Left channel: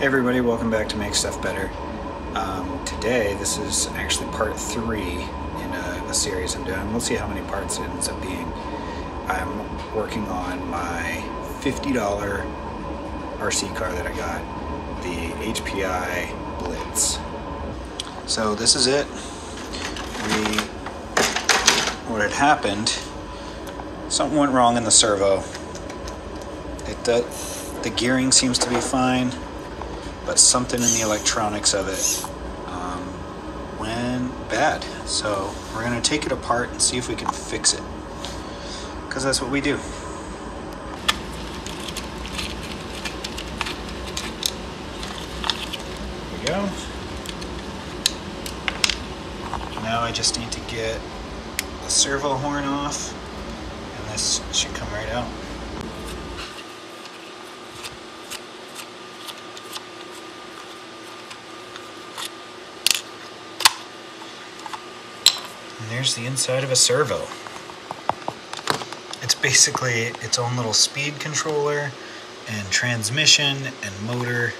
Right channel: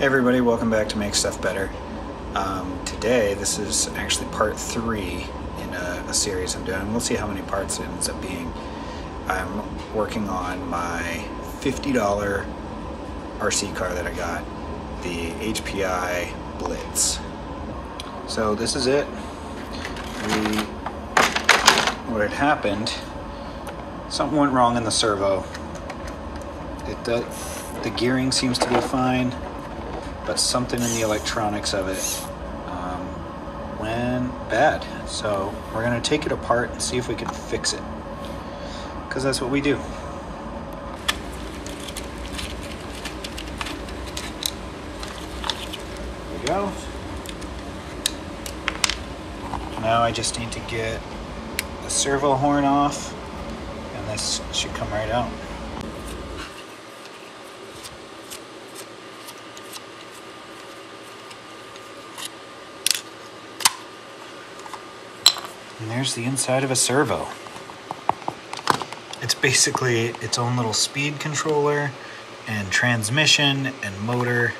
Hey everybody, welcome back to Make Stuff Better. Today, this is actually part 3 in a series I'm doing. We'll see how many parts it ends up being. I'm working on my $50 RC car that I got, the HPI BLitz. So this is it. What had happened, something went wrong in the servo. The gearing seems to be fine, but something in the electronics of it went bad. So we're gonna take it apart and see if we can fix it, because that's what we do. There we go. Now I just need to get the servo horn off, and this should come right out. And there's the inside of a servo. It's basically its own little speed controller and transmission and motor,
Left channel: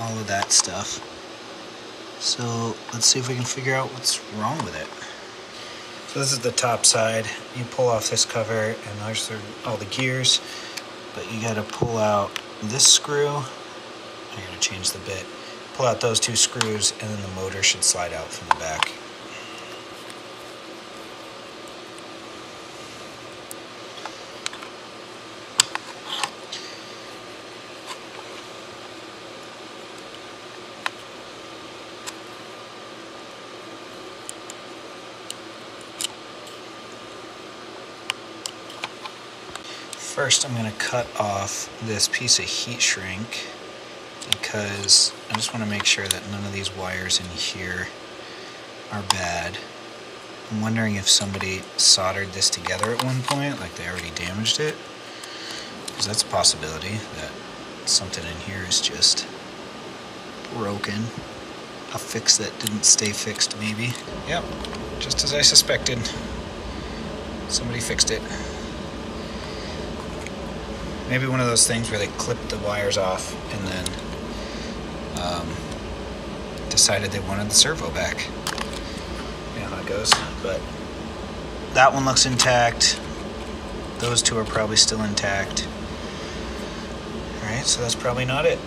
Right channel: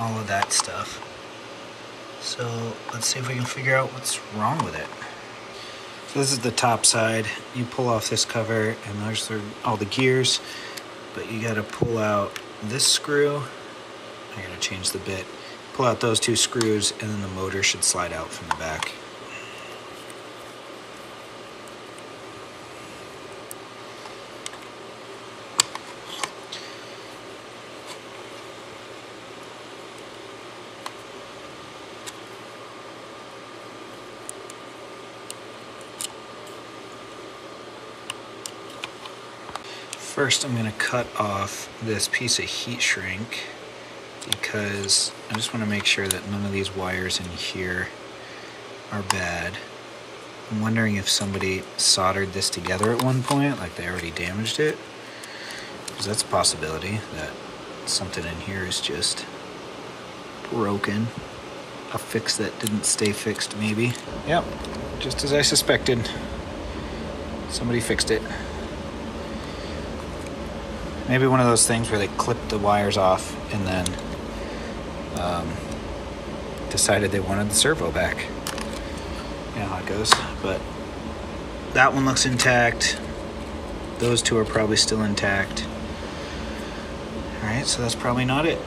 all of that stuff. So let's see if we can figure out what's wrong with it. So this is the top side. You pull off this cover and there's all the gears, but you gotta pull out this screw. I'm gonna change the bit. Pull out those 2 screws and then the motor should slide out from the back. First, I'm going to cut off this piece of heat shrink because I just want to make sure that none of these wires in here are bad. I'm wondering if somebody soldered this together at one point, like they already damaged it, because that's a possibility that something in here is just broken. A fix that didn't stay fixed, maybe. Yep, just as I suspected. Somebody fixed it. Maybe one of those things where they clipped the wires off and then decided they wanted the servo back. You know how it goes. But that one looks intact. Those 2 are probably still intact. Alright, so that's probably not it.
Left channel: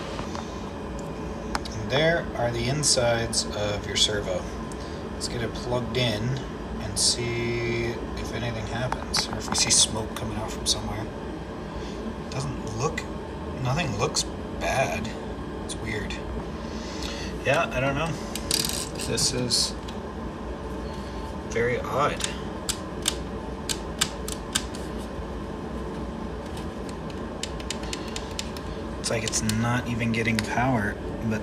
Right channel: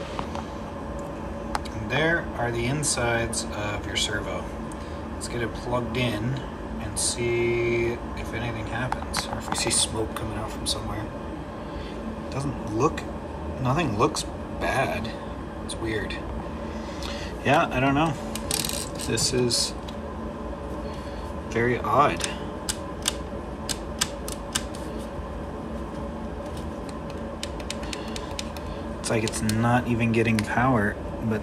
And there are the insides of your servo. Let's get it plugged in and see if anything happens, or if we see smoke coming out from somewhere. Nothing looks bad. It's weird. Yeah, I don't know. This is very odd. It's like it's not even getting power, but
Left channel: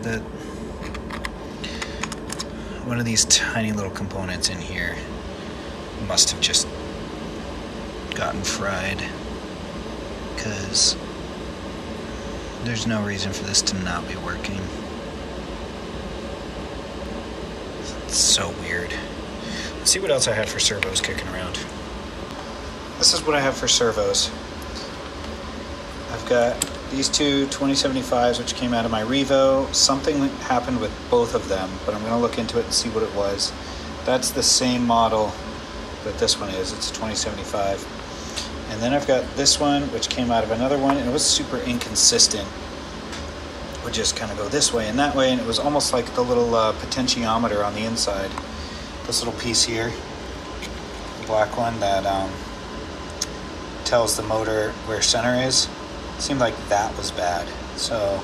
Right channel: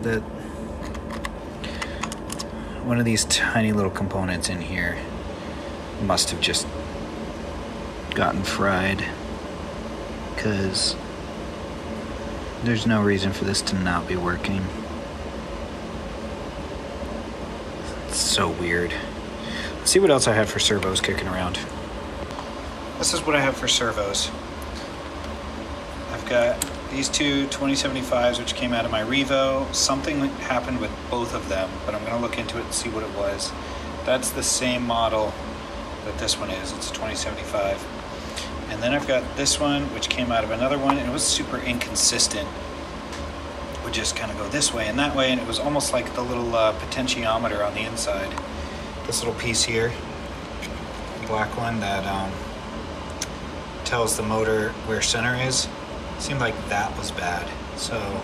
one of these tiny little components in here must have just gotten fried, because there's no reason for this to not be working. It's so weird. Let's see what else I had for servos kicking around. This is what I have for servos. I've got these 2 2075s, which came out of my Revo. Something happened with both of them, but I'm gonna look into it and see what it was. That's the same model that this one is. It's a 2075. And then I've got this one, which came out of another one, and it was super inconsistent. It would just kind of go this way and that way, and it was almost like the little potentiometer on the inside. This little piece here, the black one that tells the motor where center is, seemed like that was bad. So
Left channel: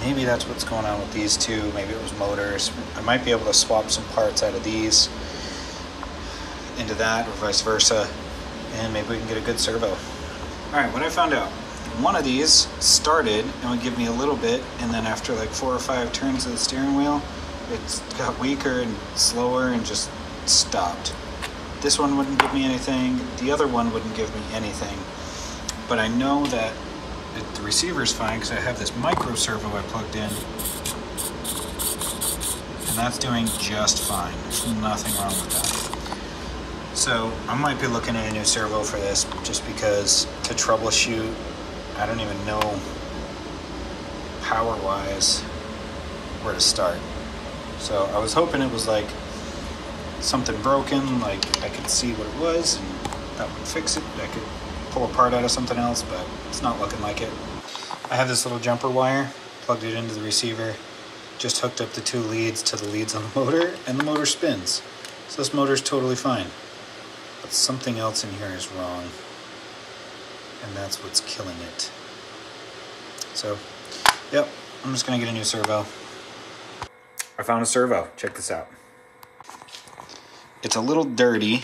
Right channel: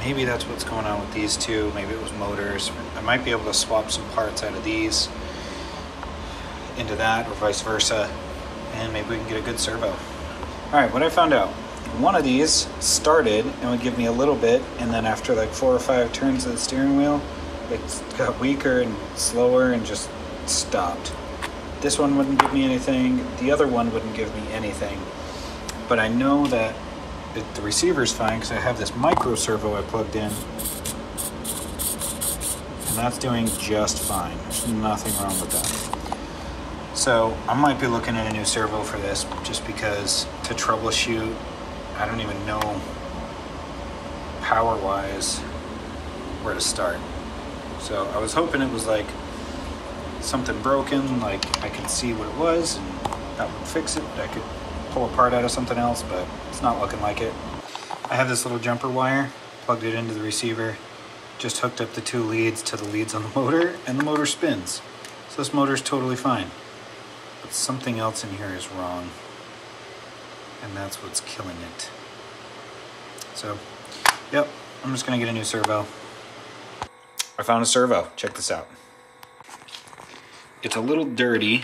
maybe that's what's going on with these 2. Maybe it was motors. I might be able to swap some parts out of these into that, or vice versa, and maybe we can get a good servo. Alright, what I found out, one of these started and would give me a little bit, and then after like 4 or 5 turns of the steering wheel, it got weaker and slower and just stopped. This one wouldn't give me anything, the other one wouldn't give me anything, but I know that the receiver's fine because I have this micro servo I plugged in, and that's doing just fine. There's nothing wrong with that. So I might be looking at a new servo for this, just because to troubleshoot, I don't even know power-wise where to start. So I was hoping it was like something broken, like I could see what it was and that would fix it. I could pull a part out of something else, but it's not looking like it. I have this little jumper wire, plugged it into the receiver, just hooked up the 2 leads to the leads on the motor, and the motor spins. So this motor's totally fine. But something else in here is wrong, and that's what's killing it. So, yep, I'm just gonna get a new servo. I found a servo, check this out. It's a little dirty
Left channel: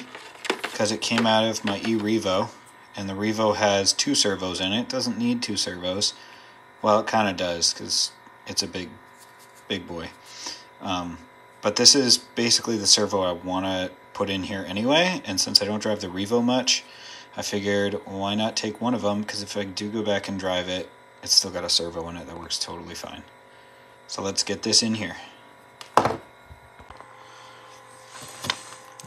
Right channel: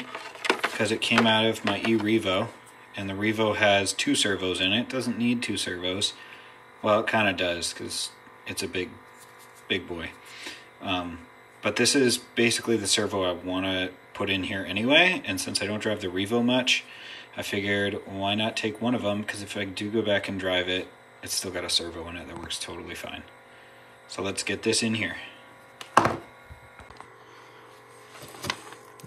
because it came out of my e-Revo, and the Revo has 2 servos in it. It doesn't need 2 servos. Well, it kind of does because it's a big boy. But this is basically the servo I want to put in here anyway, and since I don't drive the Revo much, I figured why not take one of them, because if I do go back and drive it, it's still got a servo in it that works totally fine. So let's get this in here.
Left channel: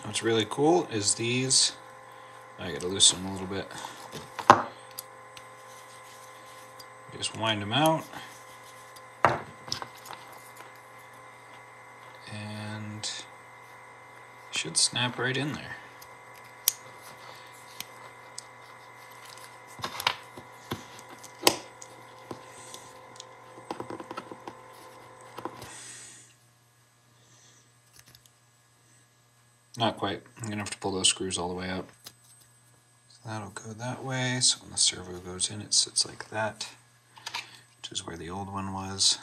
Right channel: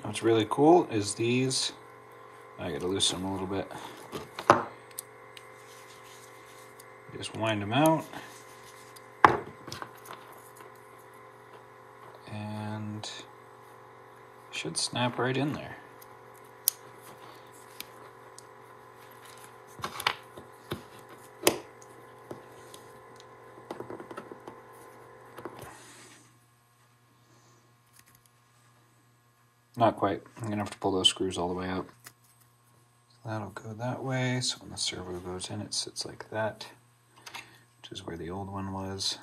What's really cool is these, I gotta loosen them a little bit. Just wind them out. And should snap right in there. Not quite. I'm gonna have to pull those screws all the way out. So that'll go that way. So when the servo goes in, it sits like that, which is where the old one was.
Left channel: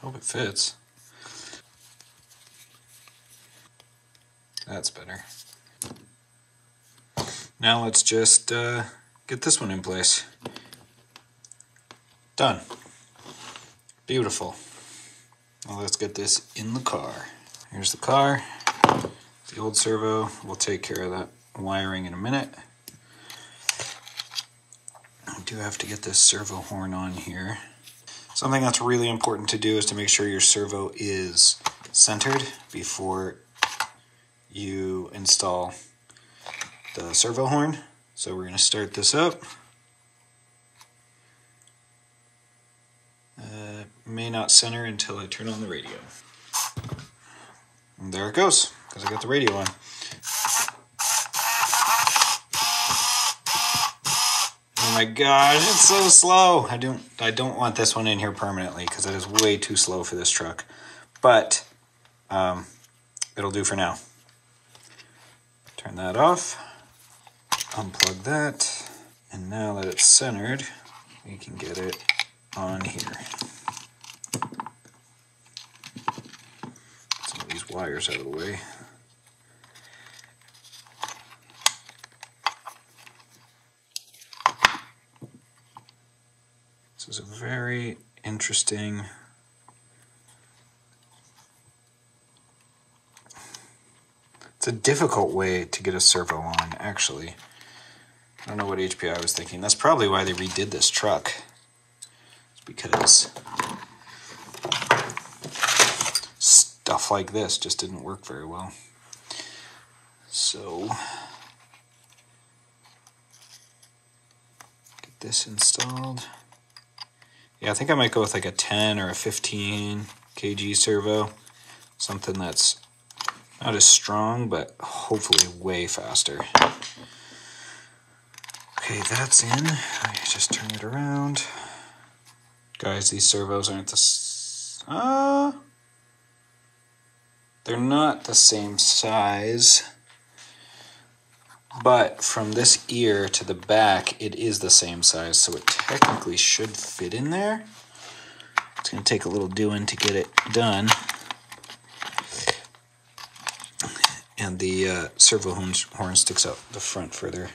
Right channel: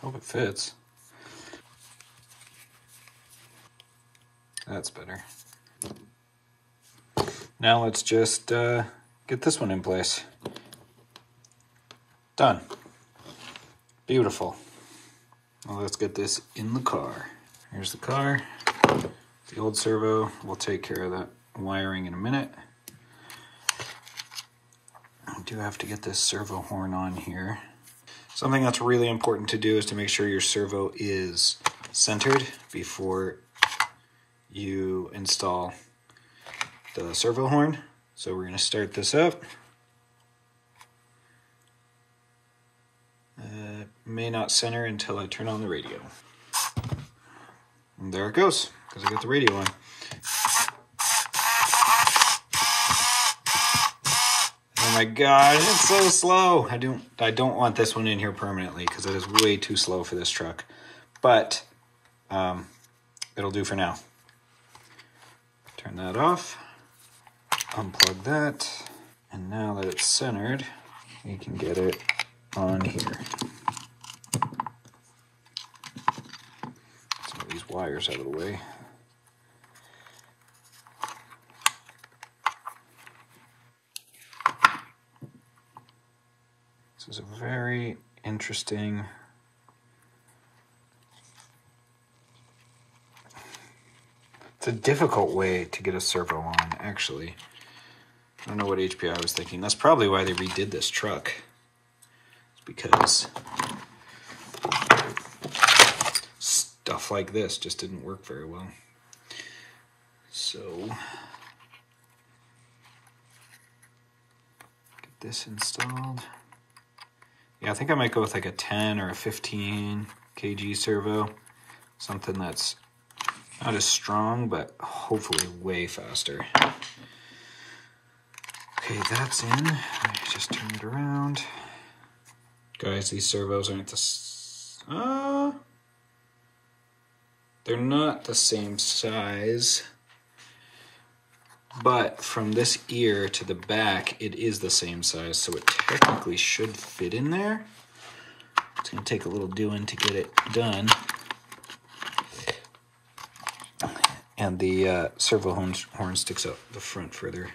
Hope it fits. That's better. Now let's just get this one in place. Done. Beautiful. Well, let's get this in the car. Here's the car. The old servo. We'll take care of that wiring in a minute. I do have to get this servo horn on here. Something that's really important to do is to make sure your servo is centered before you install the servo horn. So we're going to start this up. May not center until I turn on the radio. And there it goes, because I got the radio on. Oh my gosh, it's so slow. I don't want this one in here permanently because it is way too slow for this truck. But it'll do for now. Turn that off. Unplug that. And now that it's centered, you can get it on here. Some of these wires out of the way. This is a very interesting it's a difficult way to get a servo on, actually. I don't know what HPI was thinking. That's probably why they redid this truck. It's because stuff like this just didn't work very well. So get this installed. Yeah, I think I might go with like a 10 or a 15 kg servo. Something that's not as strong, but hopefully way faster. Okay, that's in. I just turn it around. Guys, these servos aren't they're not the same size. But from this ear to the back, it is the same size, so it technically should fit in there. It's going to take a little doing to get it done. And the servo horn sticks out the front further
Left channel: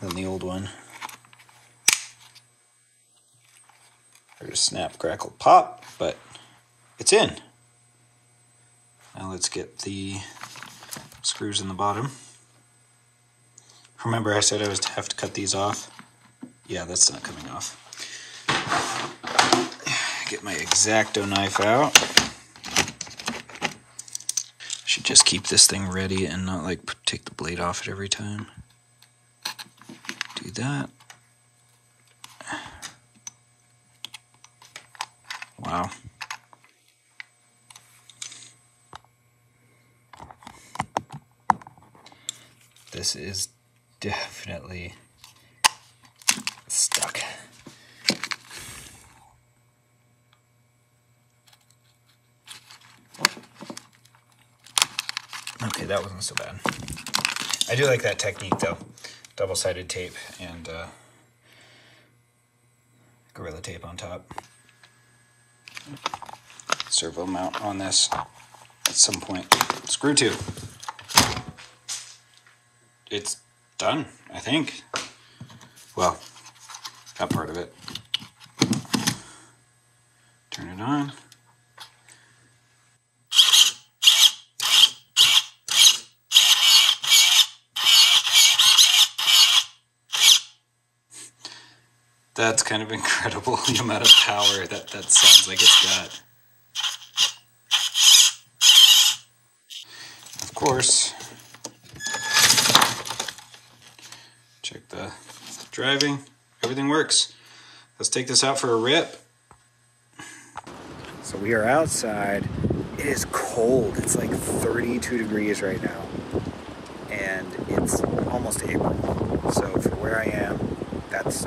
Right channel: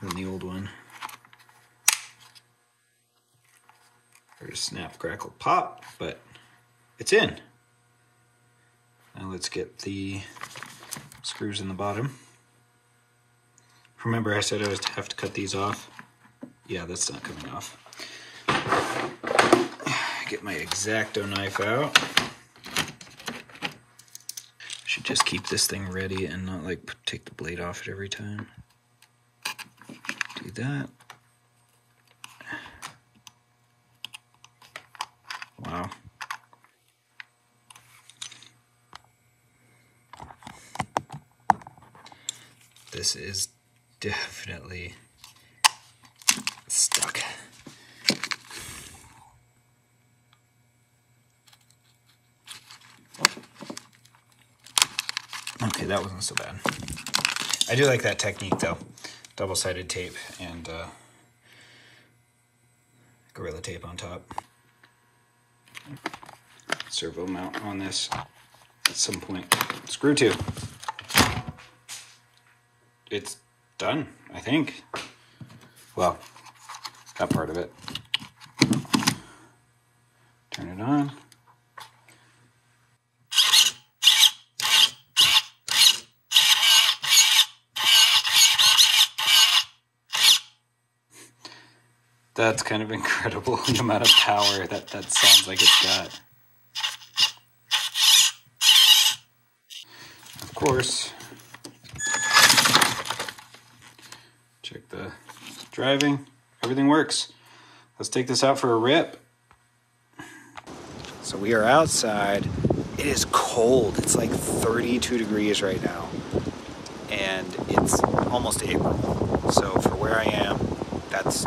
than the old one. There's snap, crackle, pop, but it's in. Now let's get the screws in the bottom. Remember I said I was have to cut these off? Yeah, that's not coming off. Get my X-Acto knife out. Should just keep this thing ready and not like take the blade off it every time. Do that. this is definitely stuck. Okay, that wasn't so bad. I do like that technique though. Double-sided tape and Gorilla Tape on top. Servo mount on this at some point. Screw two. It's done, I think. Well, that part of it. Turn it on. That's kind of incredible, the amount of power that sounds like it's got. Of course, check the driving. Everything works. Let's take this out for a rip. So we are outside. It is cold. It's like 32 degrees right now. And it's almost April. So for where I am, that's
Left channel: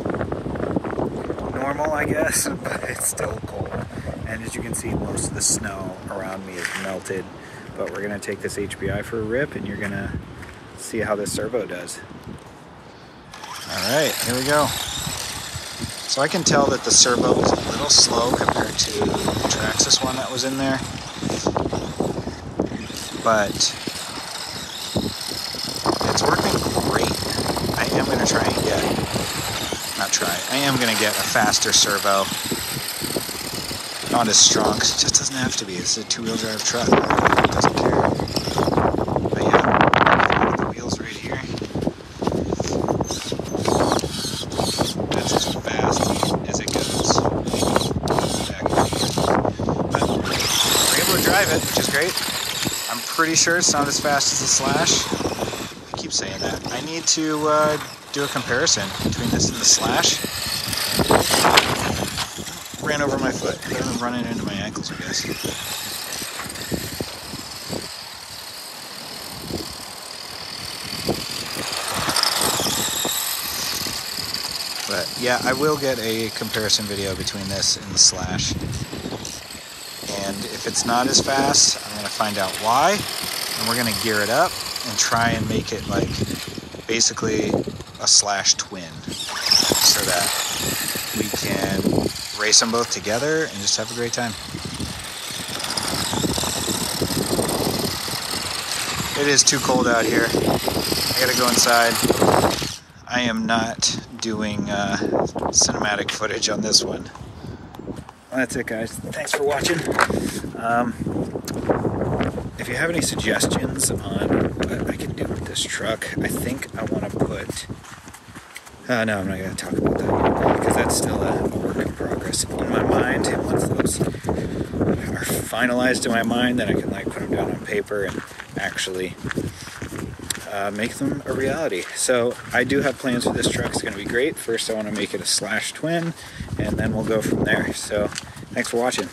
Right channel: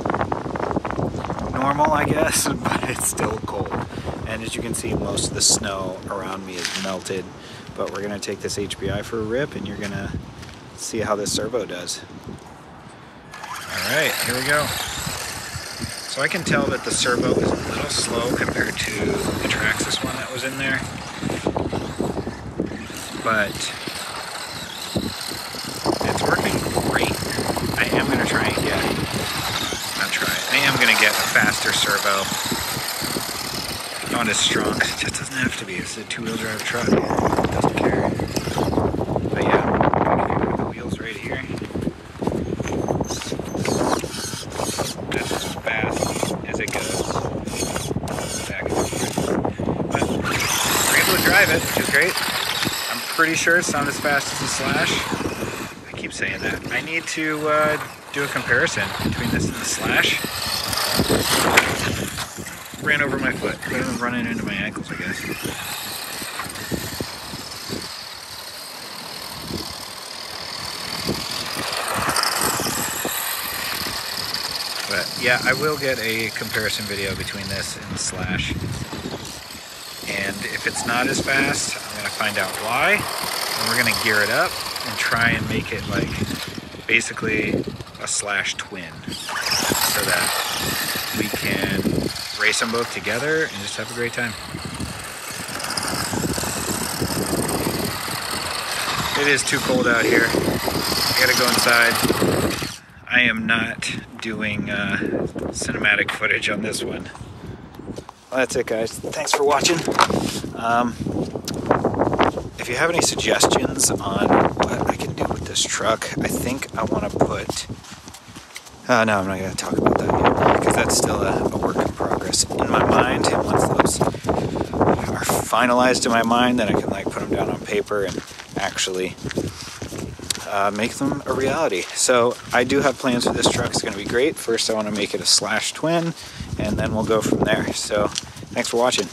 normal, I guess, but it's still cold. And as you can see, most of the snow around me is melted. But we're gonna take this HPI for a rip and you're gonna see how this servo does. All right, here we go. So I can tell that the servo is a little slow compared to the Traxxas one that was in there. But it's working great. I am gonna try and I am going to get a faster servo. Not as strong, because it just doesn't have to be. It's a two-wheel drive truck. It doesn't care. But yeah, the wheels right here. That's as fast as it goes. Back and forth. But we're able to drive it, which is great. I'm pretty sure it's not as fast as the Slash. I keep saying that. I need to do a comparison between this and the Slash. Ran over my foot. I was running into my ankles, I guess. But yeah, I will get a comparison video between this and the Slash. And if it's not as fast, I'm gonna find out why. And we're gonna gear it up and try and make it like basically a Slash twin, so that we can race them both together and just have a great time. It is too cold out here. I gotta go inside. I am not doing cinematic footage on this one. Well, that's it, guys. Thanks for watching. If you have any suggestions on what I can do with this truck, I think I want to put... no, I'm not going to talk about that yet, because that's still a work in progress in my mind. Once those are finalized in my mind, then I can like put them down on paper and actually make them a reality. So I do have plans for this truck. It's going to be great. First, I want to make it a Slash twin, and then we'll go from there. So thanks for watching.